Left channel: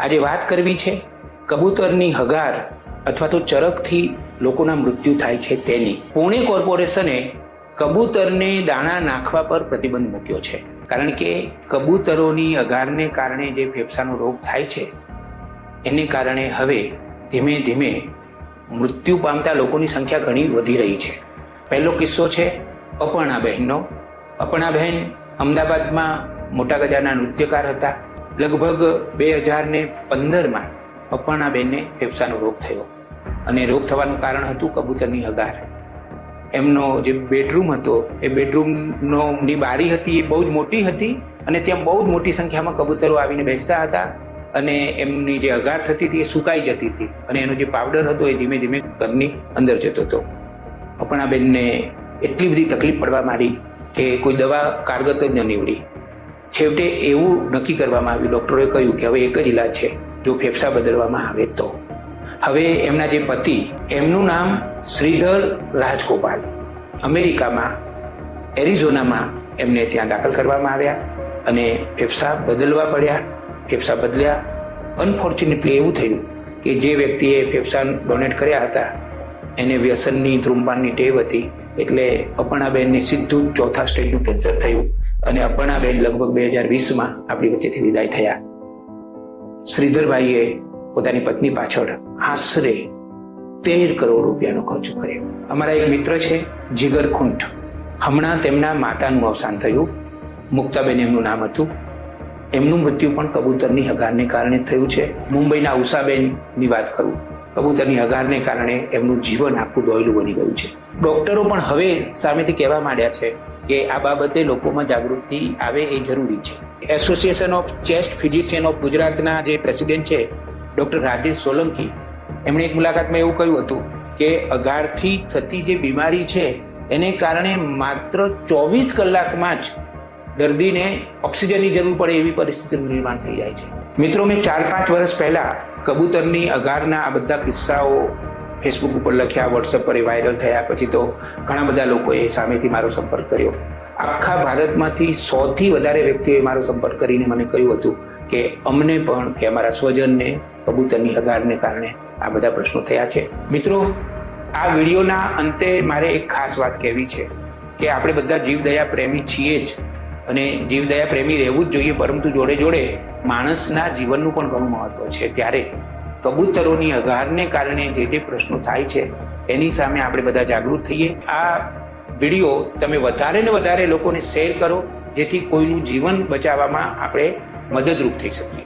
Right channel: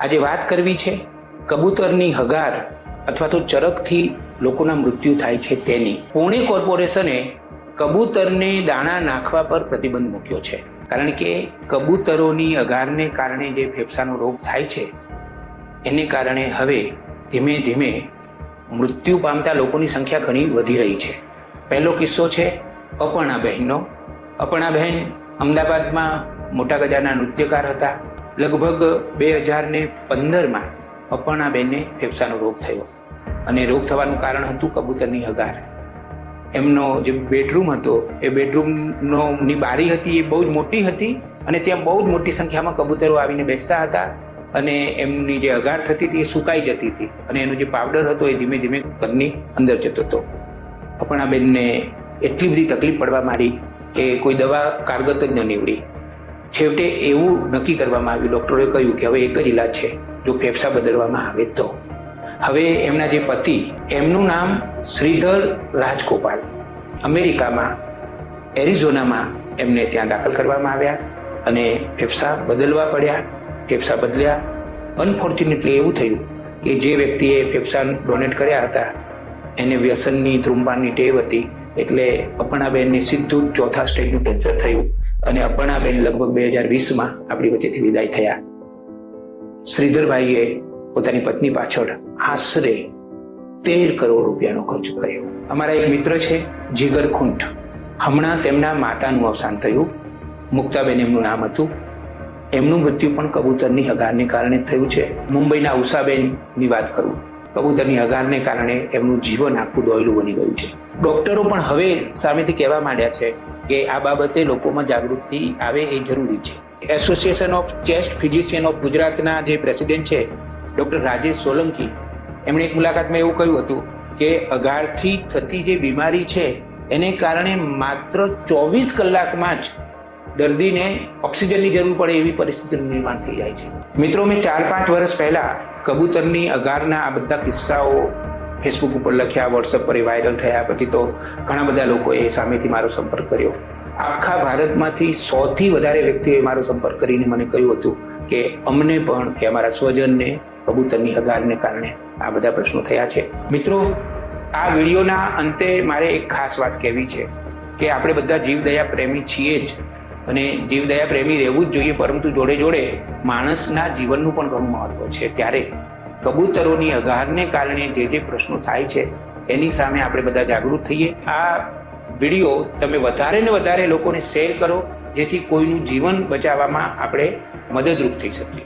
આજે વાત કરવી છે કબૂતરની હગાર અથવા તો ચરકથી લોકોના મૃત્યુ થાય છે તેની. પુણે કોર્પોરેશને કબૂતરને દાણા નાખવા પર પ્રતિબંધ મૂક્યો છે, કારણ કે કબૂતરોની હગારને કારણે જે ફેફસાનો રોગ થાય છે એને કારણે હવે ધીમે ધીમે મૃત્યુ પામતા લોકોની સંખ્યા ઘણી વધી રહી છે. પહેલો કિસ્સો છે અપર્ણાબહેનનો. અપર્ણાબહેન અમદાવાદમાં મોટા ગજાના નૃત્યકાર હતા. લગભગ 2015માં અપર્ણાબહેનને ફેફસાનો રોગ થયો અને રોગ થવાનું કારણ હતું કબૂતરની હગાર. એમનો જે બેડરૂમ હતો એ બેડરૂમની બારી હતી એ બહુ જ મોટી હતી અને ત્યાં બહુ જ મોટી સંખ્યામાં કબૂતરો આવીને બેસતા હતા અને એમની જે હગાર થતી હતી એ સુકાઈ જતી હતી અને એનો જે પાવડર હતો એ ધીમે ધીમે ઘરની અંદર જતો હતો. અપર્ણાબેનને એટલી બધી તકલીફ પડવા માંડી કે કોઈ દવા કારગત જ ન નીવડી. છેવટે એવું નક્કી કરવામાં આવ્યું, ડોક્ટરે કહ્યું કે હવે એક જ ઈલાજ છે, જો ફેફસા બદલવામાં આવે તો. હવે એમના જે પતિ, એમનું નામ શ્રીધર રાજગોપાલ, અમેરિકામાં એરિઝોનામાં એમને ત્યાં દાખલ કરવામાં આવ્યા અને ફેફસા બદલવા પડ્યા. ફેફસા બદલ્યા. અનફોર્ચ્યુનેટલી એવું થયું કે જે વ્યક્તિએ ફેફસા ડોનેટ કર્યા હતા એને વ્યસનની, ધૂમપાનની ટેવ હતી, એટલે અપર્ણાબેનને સીધું જ ચોથા સ્ટેજનું કેન્સર થયું અને અપર્ણાબેન લગભગ 2020માં આપણી વચ્ચેથી વિદાય થયા. શ્રીધરભાઈએ પોતાની પત્ની પાછળ આશરે 13 કરોડ રૂપિયાનો ખર્ચ કર્યો. અમારા એક મિત્ર છે જીગર ખુંટ, હમણાં તેમના માતાનું અવસાન થયું. મુક્તાબેન એમનું નામ હતું. એમનું મૃત્યુ પણ કબૂતરની હગારને કારણે થયું છે. મુંબઈના ઉષાબેનની વાત કરું, કબૂતરની હગારને કારણે એમનું જીવન આખું દોયલું બની ગયું છે. ડોક્ટરો પણ હવે સામેથી કહેવા માંડ્યા છે કે આ બાબતે લોકોમાં જાગૃતિ આવે એ જરૂરી છે. Association of chest physician of ગુજરાતના જે પ્રેસિડેન્ટ છે ડોક્ટર રાજેશ સોલંકી, એમણે એક મુલાકાતમાં એવું કહ્યું હતું કે હગારથી થતી જે બીમારી છે એને કારણે માત્ર 24 કલાકમાં જ દર્દીને ઓક્સિજનની જરૂર પડે એવી પરિસ્થિતિનું નિર્માણ થઈ જાય છે. મિત્રો, મેં 4-5 વર્ષ પહેલા કબૂતરની હગારના આ બધા કિસ્સાઓ ફેસબુક ઉપર લખ્યા, વોટ્સએપ પર વાયરલ થયા. પછી તો ઘણા બધા લોકોએ સામેથી મારો સંપર્ક કર્યો. આખા ભારતમાંથી 100થી વધારે વ્યક્તિઓએ મારો સંપર્ક કરીને મને કહ્યું હતું કે અમને પણ કે અમારા સ્વજનને કબૂતરની હગારને કારણે આ બધા પ્રશ્નો થયા છે. મિત્રો, આ વિડીયોના અંતે મારે એક ખાસ વાત કહેવી છે કે આપણે બધા જીવદયા પ્રેમી છીએ જ અને જીવદયા પ્રેમી રહેવું જ જોઈએ, પરંતુ જોડે જોડે માણસના જીવનનું પણ ઘણું મહત્વ છે. ત્યારે કબૂતરોની હગારને કારણે જે પ્રશ્નો થાય છે એની સામે આપણે બધા જાગૃત થઈએ. આ વિડીયો તમે વધારે ને વધારે લોકોને શેર કરો, જેથી કોઈનું જીવન બચાવવામાં આપણે મદદરૂપ થઈ શકીએ.